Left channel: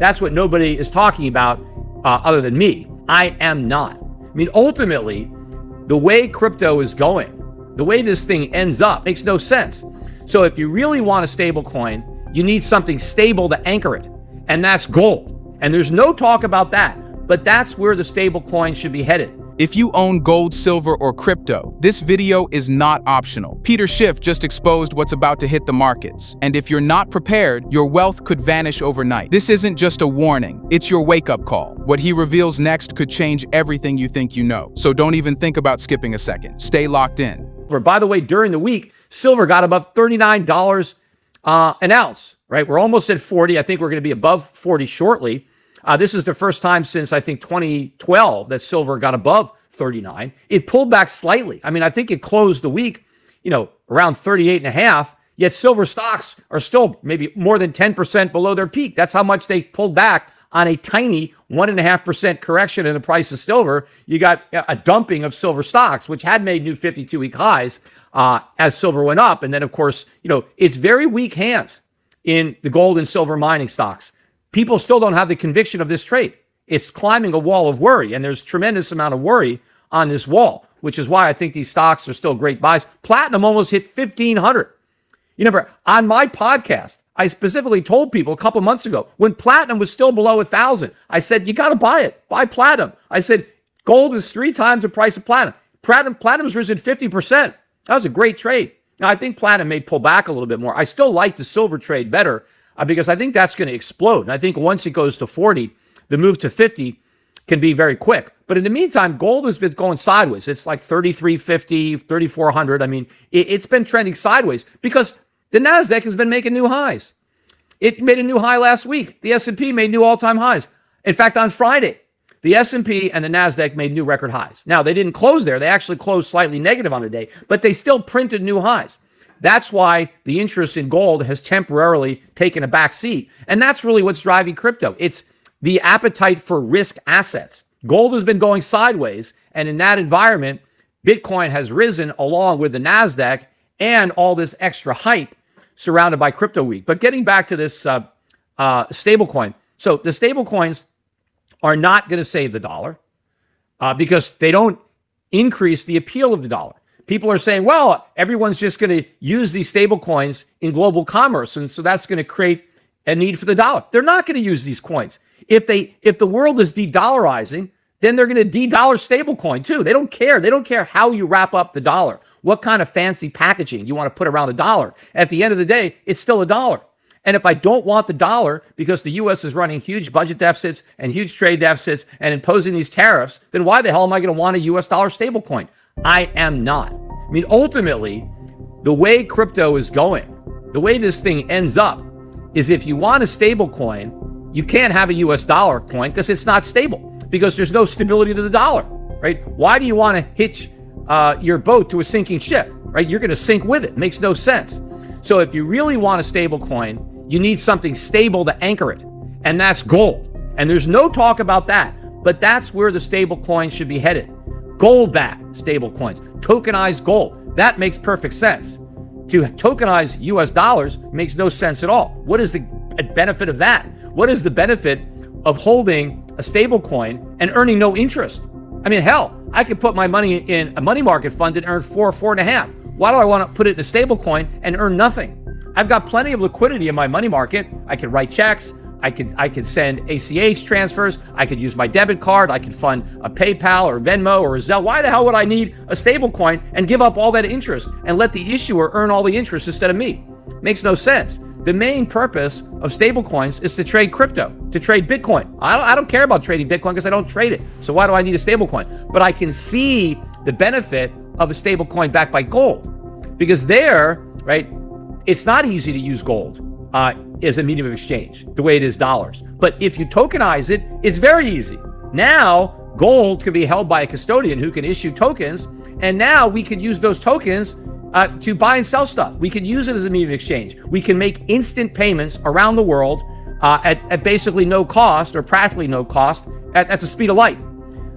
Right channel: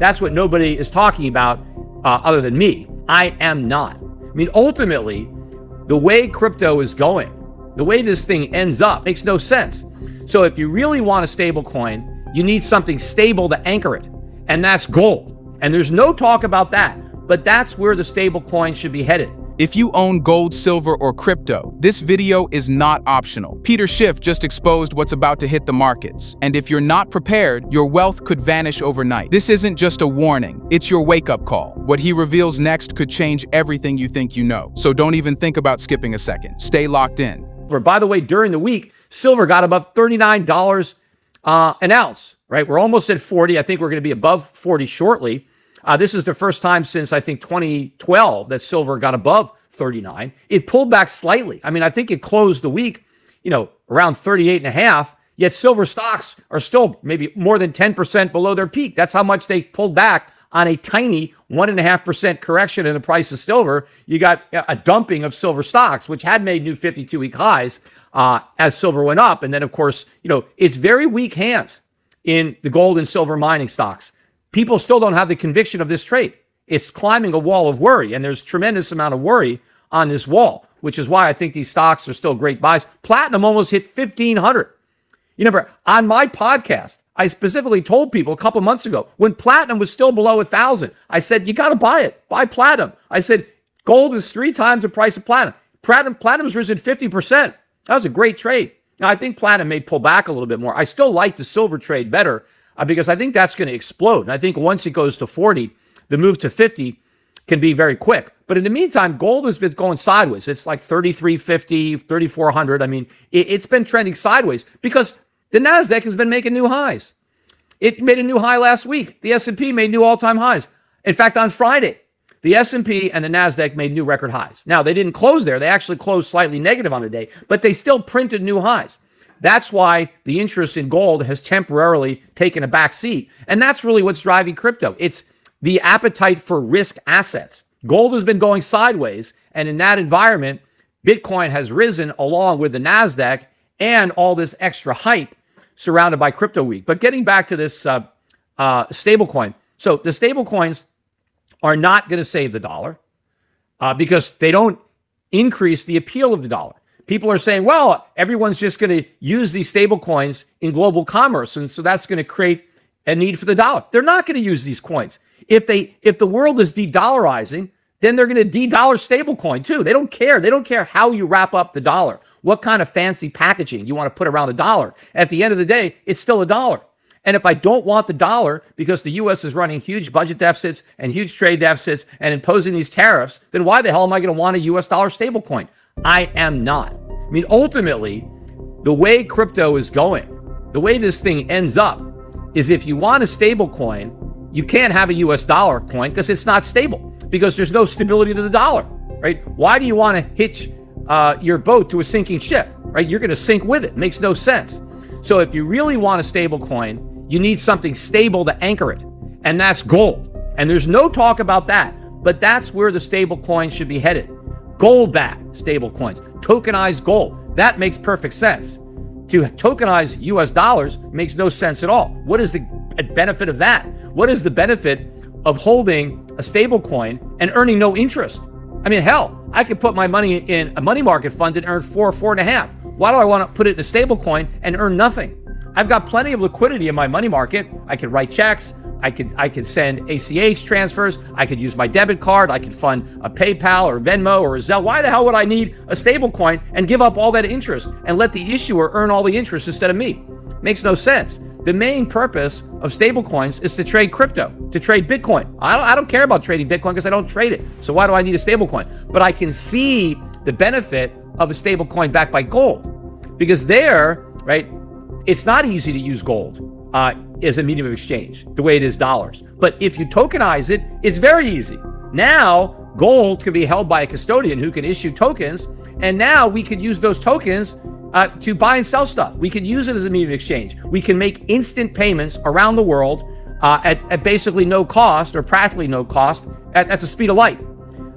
That's what nobody is talking about other than me. I am not. I mean, ultimately, the way crypto is going, the way this thing ends up makes no sense. So if you really want a stable coin, you need something stable to anchor it, and that's gold. And there's no talk about that, but that's where the stable coin should be headed. If you own gold, silver, or crypto, this video is not optional. Peter Schiff just exposed what's about to hit the markets. And if you're not prepared, your wealth could vanish overnight. This isn't just a warning, it's your wake-up call. What he reveals next could change everything you think you know. So don't even think about skipping a second. Stay locked in. By the way, during the week, silver got above $39 an ounce, right? We're almost at 40. I think we're going to be above 40 shortly. This is the first time since, I think, 2012 that silver got above 39. It pulled back slightly. I mean, I think it closed the week, around 38 and a half, yet silver stocks are still maybe more than 10% below their peak. That's how much they pulled back on a tiny 1.5% correction in the price of silver. You got a dumping of silver stocks, which had made new 52-week highs as silver went up. And then, of course, it's very weak hands in the gold and silver mining stocks. People still don't have the conviction of this trade. It's climbing a wall of worry, and there's tremendous amount of worry on this wall, which is why I think these stocks are still great buys. Platinum almost hit 1,500. You remember, on my podcast, I specifically told people a couple months ago, when platinum was still below 1,000, I said, you got to buy it. Buy platinum. I said, gold is 3 times the price of platinum. Platinum's risen 50%. That was a great trade. Now, I think platinum may pull back a little bit more. I still like the silver trade better, because I think that's going to explode. And I think once it goes to 40, the move to 50 can be very quick. But in the meantime, gold has been going sideways. It's like 3,350, 3,400. I mean, it's been trending sideways because the NASDAQ has been making new highs. It made a new high last week. The S&P made new all-time highs. In fact, on Friday, the S&P and the NASDAQ made new record highs. Now, they didn't close there. They actually closed slightly negative on the day, but they still printed new highs. That's why the interest in gold has temporarily taken a back seat. And that's really what's driving crypto. It's the appetite for risk assets. Gold has been going sideways. And in that environment, Bitcoin has risen along with the NASDAQ and all this extra hype surrounded by crypto week. But getting back to this stablecoin. So the stablecoins are not going to save the dollar because they don't increase the appeal of the dollar. People are saying, well, everyone's just going to use these stable coins in global commerce, and so that's going to create a need for the dollar. They're not going to use these coins. If the world is de-dollarizing, then they're going to de-dollar stable coin too. They don't care. They don't care how you wrap up the dollar, what kind of fancy packaging you want to put around a dollar. At the end of the day, it's still a dollar. And if I don't want the dollar because the U.S. is running huge budget deficits and huge trade deficits and imposing these tariffs, then why the hell am I going to want a U.S. dollar stable coin? I am not. I mean, ultimately, the way crypto is going, the way this thing ends up, is if you want a stable coin, you can't have a U.S. dollar coin because it's not stable, because there's no stability to the dollar, right? Why do you want to hitch your boat to a sinking ship, right? You're going to sink with it. It makes no sense. So if you really want a stable coin, you need something stable to anchor it, and that's gold. And there's no talk about that, but that's where the stable coin should be headed. Gold-backed stable coins, tokenized gold. That makes perfect sense. To tokenize US dollars makes no sense at all. What is the benefit of that? What is the benefit of holding a stable coin and earning no interest? I mean, hell, I could put my money in a money market fund and earn 4.5. Why do I want to put it in a stable coin and earn nothing? I've got plenty of liquidity in my money market. I can write checks. I could send ACH transfers. I could use my debit card. I could fund a PayPal or Venmo or a Zelle. Why the hell would I need a stable coin and give up all that interest and let the issuer earn all the interest instead of me? Makes no sense. The main purpose of stable coins is to trade crypto, to trade Bitcoin. I don't care about trading Bitcoin because I don't trade it. So why do I need a stable coin? But I can see the benefit of a stable coin backed by gold, because there, right, it's not easy to use gold as a medium of exchange the way it is dollars. But if you tokenize it, it's very easy. Now, gold can be held by a custodian who can issue tokens, and now we can use those tokens to buy and sell stuff. We can use it as a medium of exchange. We can make instant payments around the world at basically no cost, or practically no cost, at the speed of light.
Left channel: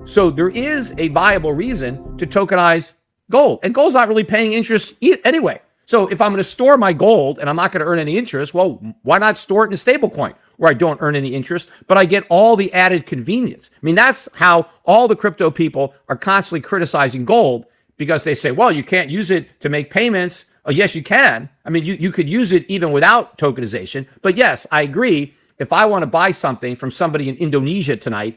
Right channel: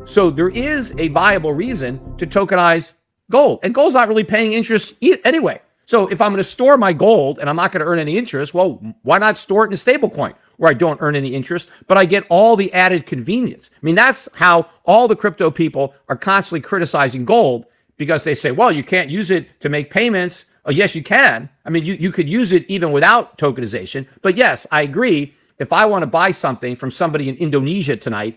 So there is a viable reason to tokenize gold. And gold's not really paying interest anyway. So if I'm going to store my gold and I'm not going to earn any interest, well, why not store it in a stable coin? where I don't earn any interest, but I get all the added convenience. I mean, that's how all the crypto people are constantly criticizing gold because they say, well, you can't use it to make payments. Oh, yes, you can. I mean, you could use it even without tokenization. But yes, I agree. If I want to buy something from somebody in Indonesia tonight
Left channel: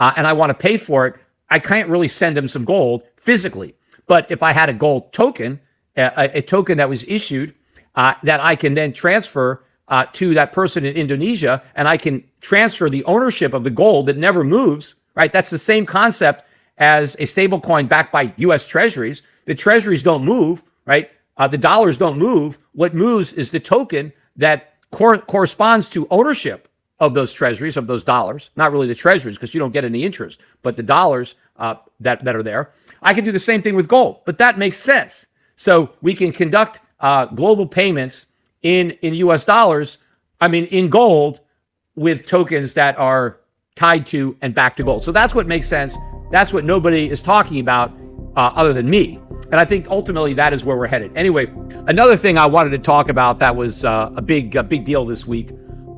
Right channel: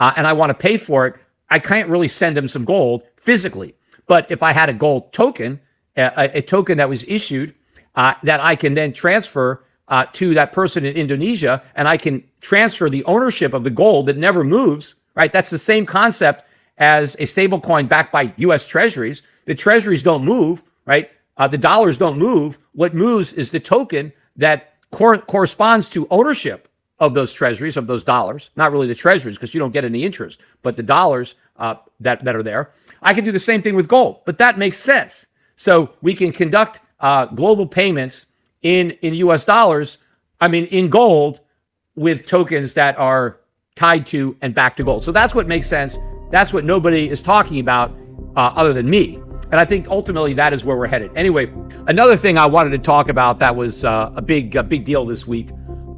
and I want to pay for it, I can't really send them some gold physically. But if I had a gold token, a token that was issued that I can then transfer to that person in Indonesia, and I can transfer the ownership of the gold that never moves, right? That's the same concept as a stable coin backed by U.S. treasuries. The treasuries don't move, right? The dollars don't move. What moves is the token that corresponds to ownership of those treasuries, of those dollars. Not really the treasuries because you don't get any interest, but the dollars that are there. I can do the same thing with gold, but that makes sense. So we can conduct global payments in U.S. dollars, in gold, with tokens that are tied to and back to gold. So that's what makes sense. That's what nobody is talking about other than me. And I think ultimately that is where we're headed. Anyway, another thing I wanted to talk about that was a big deal this week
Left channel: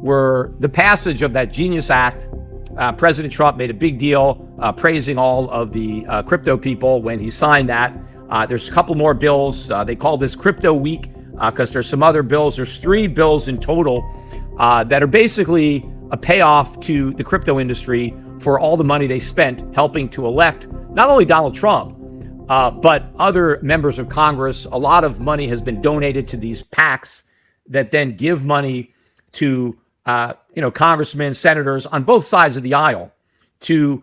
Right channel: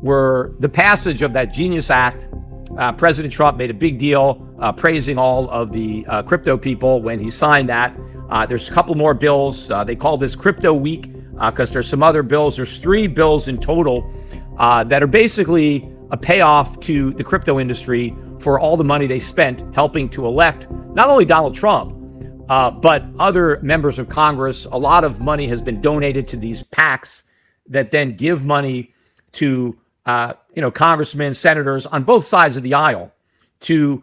were the passage of that Genius Act. President Trump made a big deal praising all of the crypto people when he signed that. There's a couple more bills. They call this Crypto Week because there's some other bills. There's 3 bills in total that are basically a payoff to the crypto industry for all the money they spent helping to elect not only Donald Trump, but other members of Congress. A lot of money has been donated to these PACs that then give money to congressmen, senators on both sides of the aisle to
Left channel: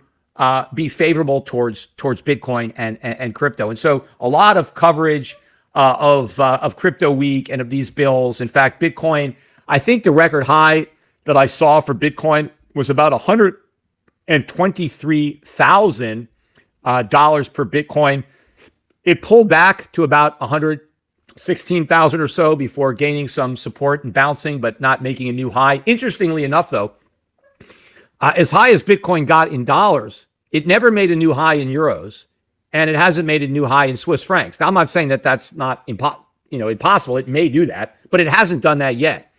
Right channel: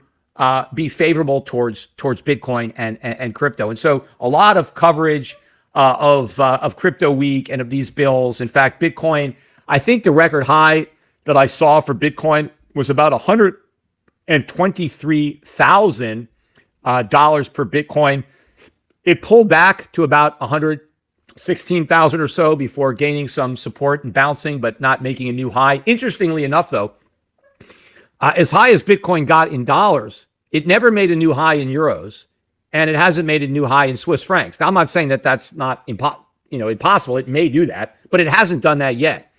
be favorable towards Bitcoin and crypto. And so a lot of coverage of Crypto Week and of these bills. In fact, Bitcoin, I think the record high that I saw for Bitcoin was about $123,000 per Bitcoin. It pulled back to about 116,000 or so before gaining some support and bouncing, but not making a new high. Interestingly enough, though, as high as Bitcoin got in dollars, it never made a new high in euros, and it hasn't made a new high in Swiss francs. Now, I'm not saying that that's not impossible. It may do that, but it hasn't done that yet.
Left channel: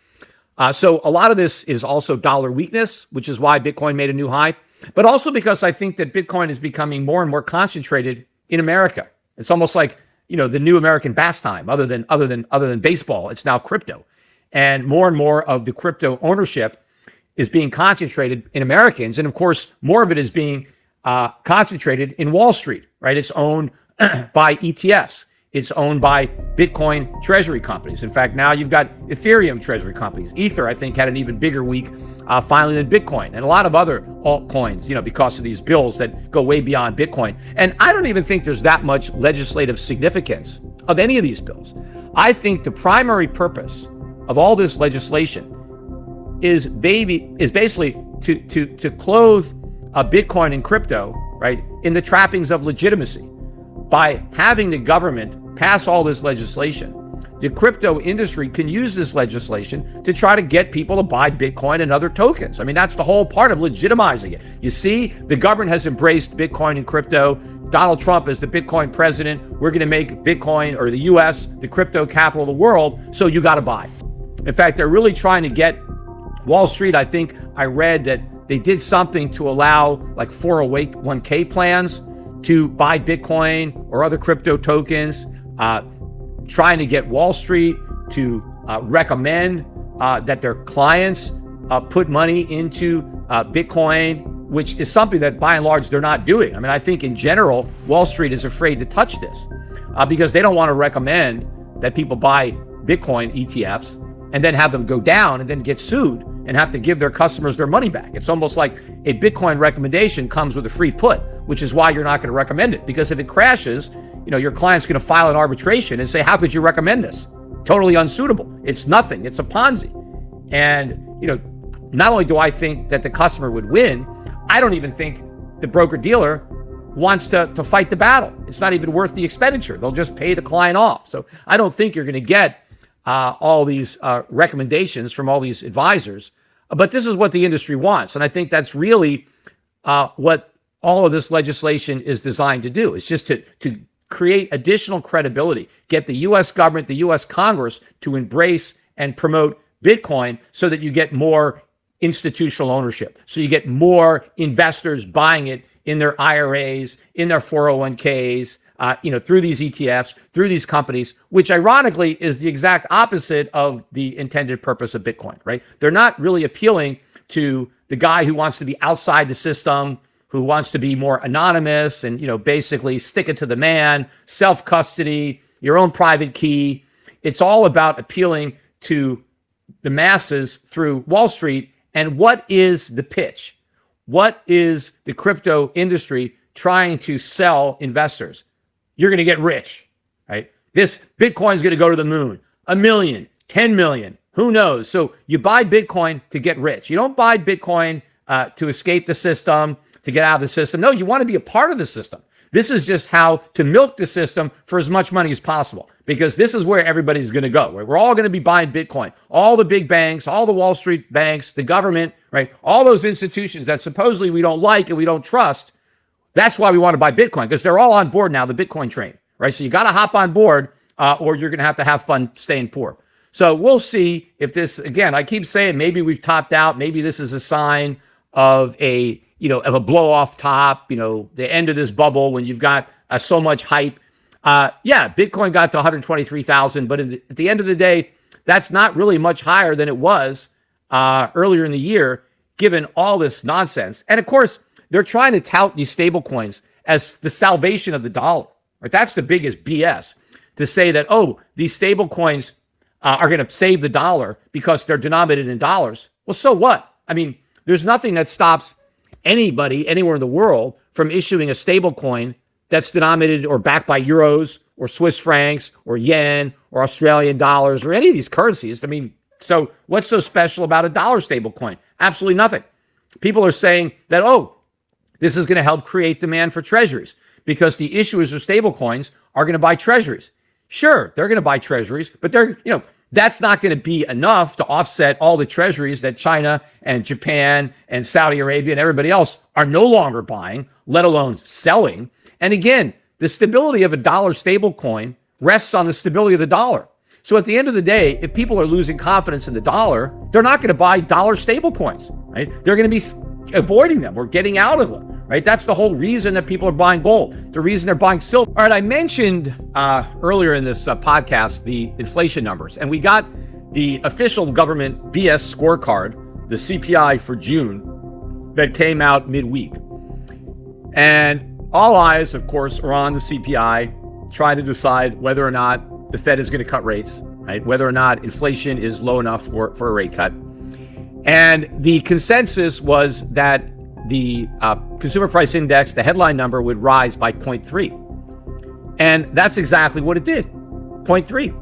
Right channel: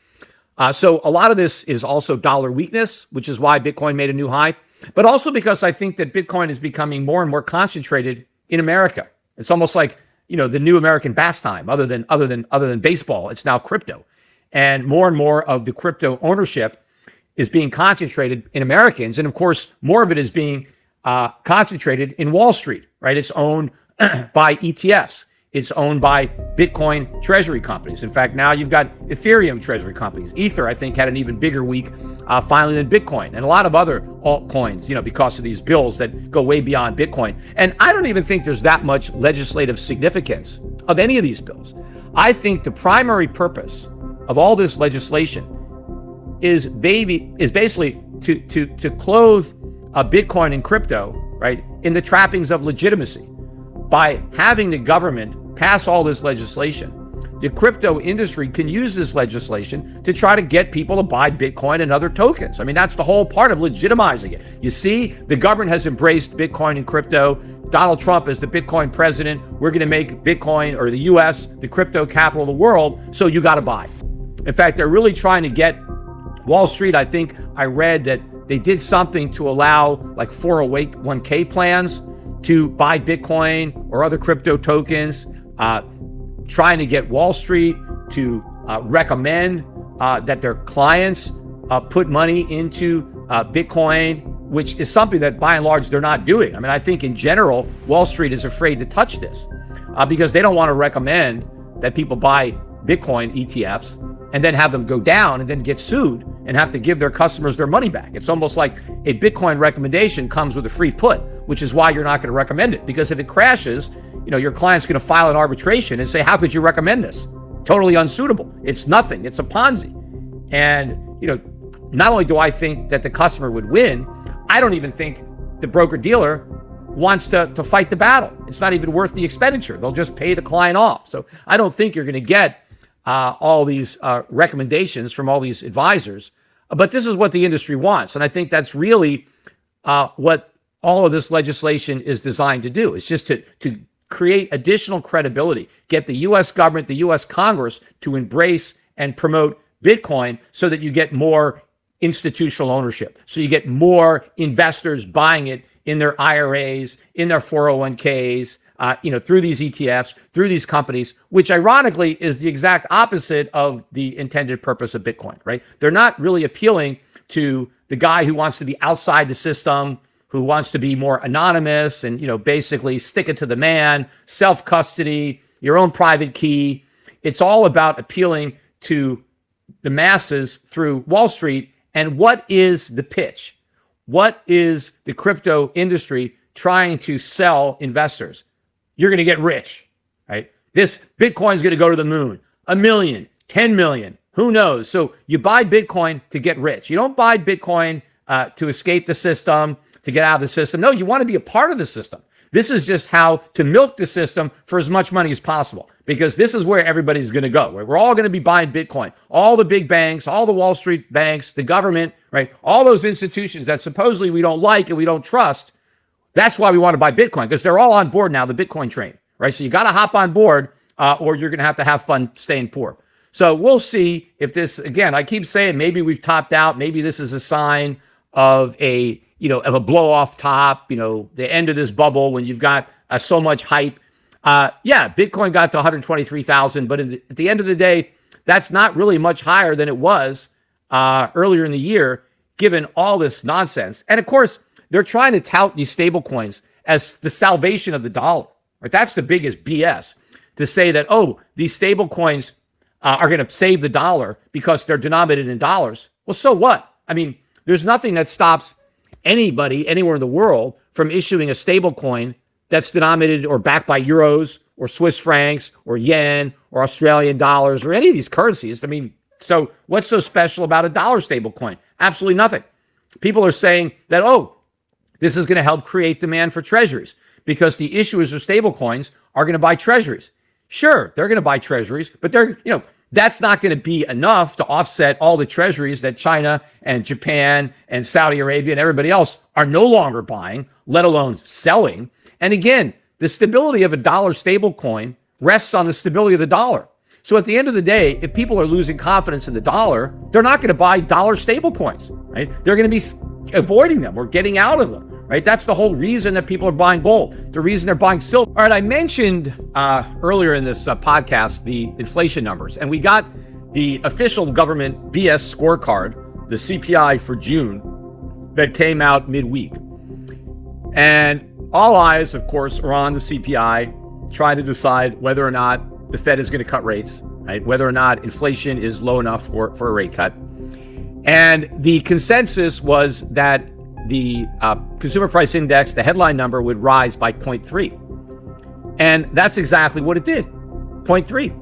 So a lot of this is also dollar weakness, which is why Bitcoin made a new high, but also because I think that Bitcoin is becoming more and more concentrated in America. It's almost like, the new American pastime, other than baseball. It's now crypto, and more of the crypto ownership is being concentrated in Americans, and of course, more of it is being concentrated in Wall Street. Right? It's owned by ETFs. It's owned by Bitcoin treasury companies. In fact, now you've got Ethereum treasury companies. Ether, I think, had an even bigger week finally than Bitcoin, and a lot of other altcoins, because of these bills that go way beyond Bitcoin. And I don't even think there's that much legislative significance of any of these bills. I think the primary purpose of all this legislation is basically to clothe Bitcoin and crypto, right, in the trappings of legitimacy. By having the government pass all this legislation, the crypto industry can use this legislation to try to get people to buy Bitcoin and other tokens. That's the whole part of legitimizing it. You see, the government has embraced Bitcoin and crypto. Donald Trump is the Bitcoin president. We're going to make Bitcoin, or the U.S., the crypto capital of the world, so you got to buy. In fact, they're really trying to get Wall Street. I think I read that they did something to allow like 401k plans to buy Bitcoin or other crypto tokens, trying to get Wall Street to recommend that their clients put money into Bitcoin, which is something that by and large they're not doing. I think in general, Wall Street is afraid to touch this because they don't want to recommend that people buy Bitcoin ETFs and then have them go down and then get sued and have to give their customers their money back. It's almost like a Bitcoin recommendation comes with a free put, which is why you're not going to recommend it. Because if it crashes, your client's going to file an arbitration and say, how could you recommend this? Totally unsuitable. It's nothing. It's a Ponzi. And, not only do I think that the customer would win, I don't even think the broker-dealer wants to fight the battle. It's not even worth the expenditure. They'll just pay the client off. So I don't think you're going to get all these recommendations from all these advisors. But this is what the industry wants. And I think that's really what all of this legislation is designed to do. It's just to create additional credibility, get the U.S. government, the U.S. Congress to embrace and promote Bitcoin so that you get more institutional ownership. So you get more investors buying it in their IRAs, in their 401ks, through these ETFs, through these companies, which ironically is the exact opposite of the intended purpose of Bitcoin, right? They're not really appealing to the guy who wants to be outside the system, who wants to be more anonymous and, basically stick it to the man, self-custody, your own private key. It's all about appealing to the masses through Wall Street. And what is the pitch? What is the crypto industry trying to sell investors? You're going to get rich, right? This Bitcoin is going to go to the moon. 1 million, 10 million, who knows? So you buy Bitcoin to get rich. You don't buy Bitcoin to escape the system, to get out of the system. No, you want to be a part of the system. This is just how to milk the system for as much money as possible, because this is where everybody's going to go. We're all going to be buying Bitcoin. All the big banks, all the Wall Street banks, the government, right? All those institutions that supposedly we don't like and we don't trust. That's why we want to buy Bitcoin, because they're all on board now, the Bitcoin train, right? So you got to hop on board or you're going to have fun staying poor. So we'll see if this, again, I keep saying maybe we've topped out. Maybe this is a sign of a blow off top, the end of this bubble when you've got so much hype. Bitcoin got to 123,000, but at the end of the day, that's not really much higher than it was earlier in the year, given all this nonsense. And of course, they're trying to tout these stable coins as the salvation of the dollar. Right? That's the biggest BS, to say that, these stable coins are going to save the dollar because they're denominated in dollars. Well, so what? I mean, there's nothing that stops anybody anywhere in the world from issuing a stable coin that's denominated or backed by euros or Swiss francs or yen or Australian dollars or any of these currencies. I mean, so what's so special about a dollar stable coin? Absolutely nothing. People are saying that, this is going to help create demand for treasuries because the issuers of stable coins are going to buy treasuries. Sure, they're going to buy treasuries, but that's not going to be enough to offset all the treasuries that China and Japan and Saudi Arabia and everybody else are no longer buying, let alone selling. And again, the stability of a dollar stable coin rests on the stability of the dollar. So at the end of the day, if people are losing confidence in the dollar, they're not going to buy dollar stable coins, right? They're going to be avoiding them or getting out of them, right? That's the whole reason that people are buying gold. The reason they're buying silver. All right, I mentioned earlier in this podcast the inflation numbers, and we got the official government BS scorecard, the CPI for June, that came out midweek. And all eyes, of course, are on the CPI, trying to decide whether or not the Fed is going to cut rates, right? Whether or not inflation is low enough for a rate cut. And the consensus was that the consumer price index, the headline number, would rise by 0.3. And that's exactly what it did, 0.3.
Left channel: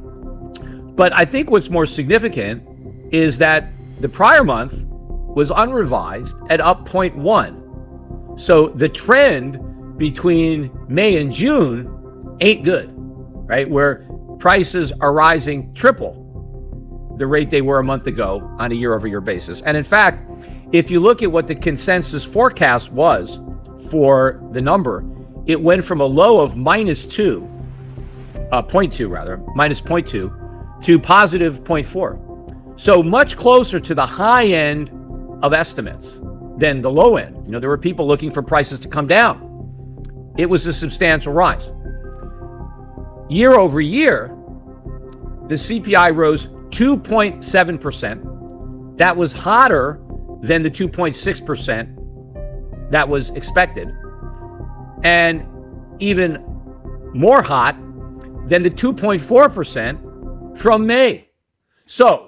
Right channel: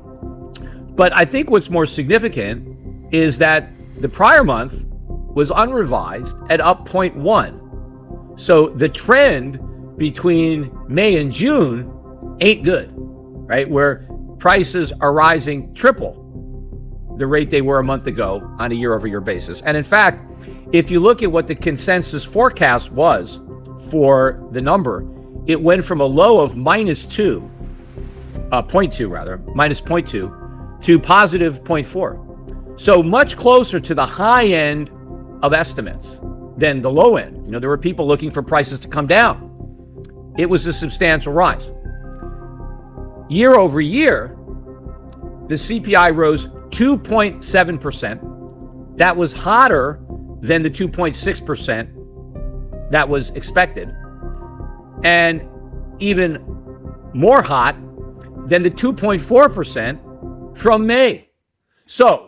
But I think what's more significant is that the prior month was unrevised at up 0.1. So the trend between May and June ain't good, right? Where prices are rising triple the rate they were a month ago on a year-over-year basis. And in fact, if you look at what the consensus forecast was for the number, it went from a low of minus 0.2 to positive 0.4. So much closer to the high end of estimates than the low end. There were people looking for prices to come down. It was a substantial rise. Year over year, the CPI rose 2.7%. That was hotter than the 2.6% that was expected. And even more hot than the 2.4% from May. So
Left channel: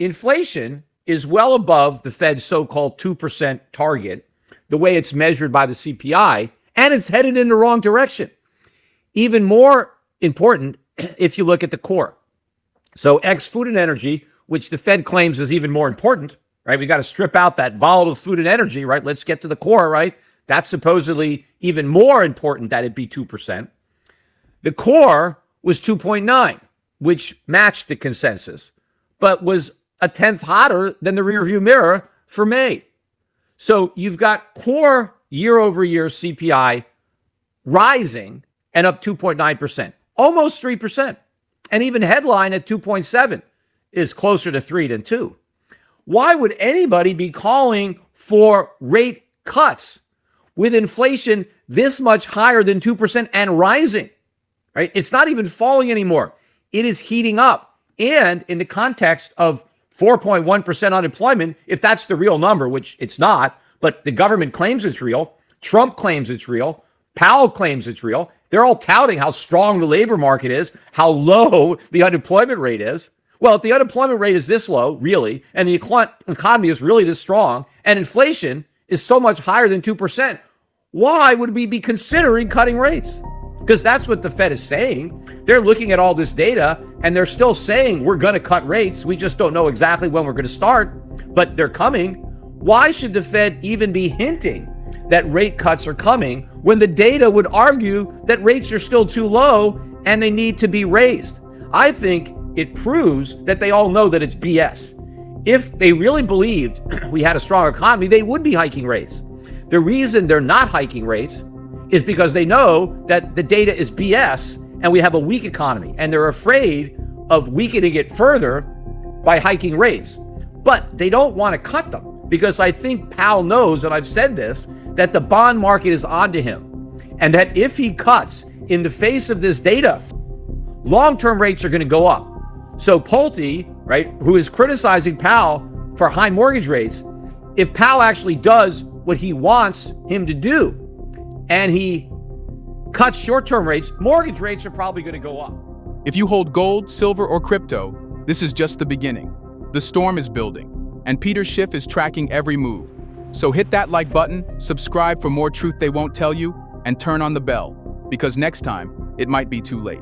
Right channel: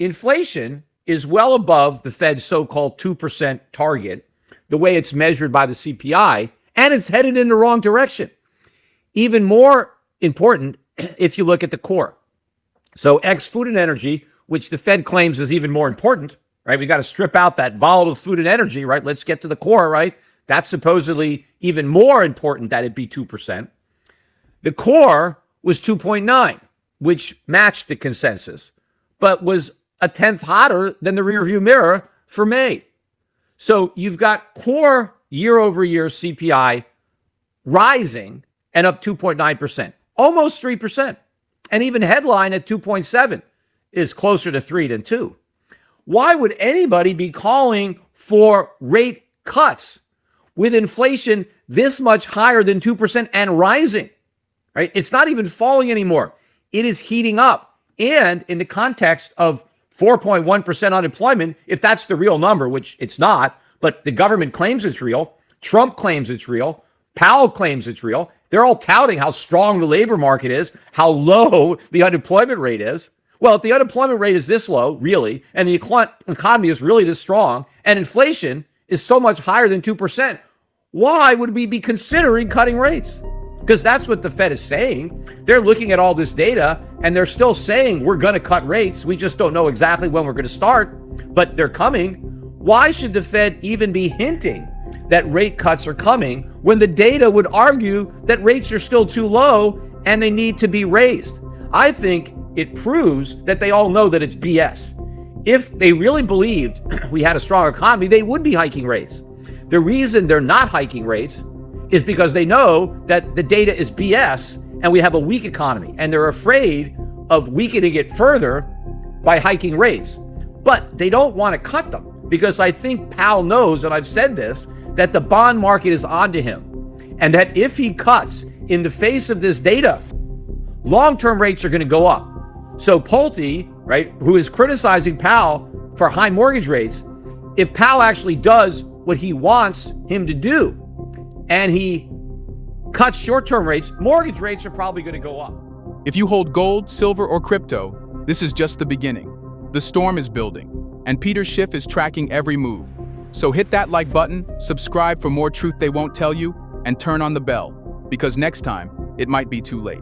inflation is well above the Fed's so-called 2% target, the way it's measured by the CPI, and it's headed in the wrong direction. Even more important if you look at the core. So ex food and energy, which the Fed claims is even more important, right? We got to strip out that volatile food and energy, right? Let's get to the core, right? That's supposedly even more important that it be 2%. The core was 2.9, which matched the consensus, but was a tenth hotter than the rearview mirror for May. So you've got core year-over-year CPI rising at up 2.9%, almost 3%. And even headline at 2.7 is closer to 3 than 2. why would anybody be calling for rate cuts with inflation this much higher than 2% and rising? Right? It's not even falling anymore. It is heating up. And in the context of 4.1% unemployment, if that's the real number, which it's not, but the government claims it's real, Trump claims it's real, Powell claims it's real, they're all touting how strong the labor market is, how low the unemployment rate is. Well, if the unemployment rate is this low, really, and the economy is really this strong, and inflation is so much higher than 2%, why would we be considering cutting rates? Because that's what the Fed is saying. They're looking at all this data, and they're still saying we're going to cut rates. We just don't know exactly when we're going to start, but they're coming. Why should the Fed even be hinting that rate cuts are coming when the data would argue that rates are still too low and they need to be raised? I think it proves that they all know that it's BS. If they really believed we had a strong economy, they would be hiking rates. The reason they're not hiking rates is because they know that the data is BS and we have a weak economy, and they're afraid of weakening it further by hiking rates. But they don't want to cut them because I think Powell knows, and I've said this, that the bond market is onto him, and that if he cuts in the face of this data, long-term rates are going to go up. So Pulte, right, who is criticizing Powell for high mortgage rates, if Powell actually does what he wants him to do and he cuts short-term rates, mortgage rates are probably going to go up. If you hold gold, silver, or crypto, this is just the beginning. The storm is building, and Peter Schiff is tracking every move. So hit that like button, subscribe for more truth they won't tell you, and turn on the bell, because next time, it might be too late.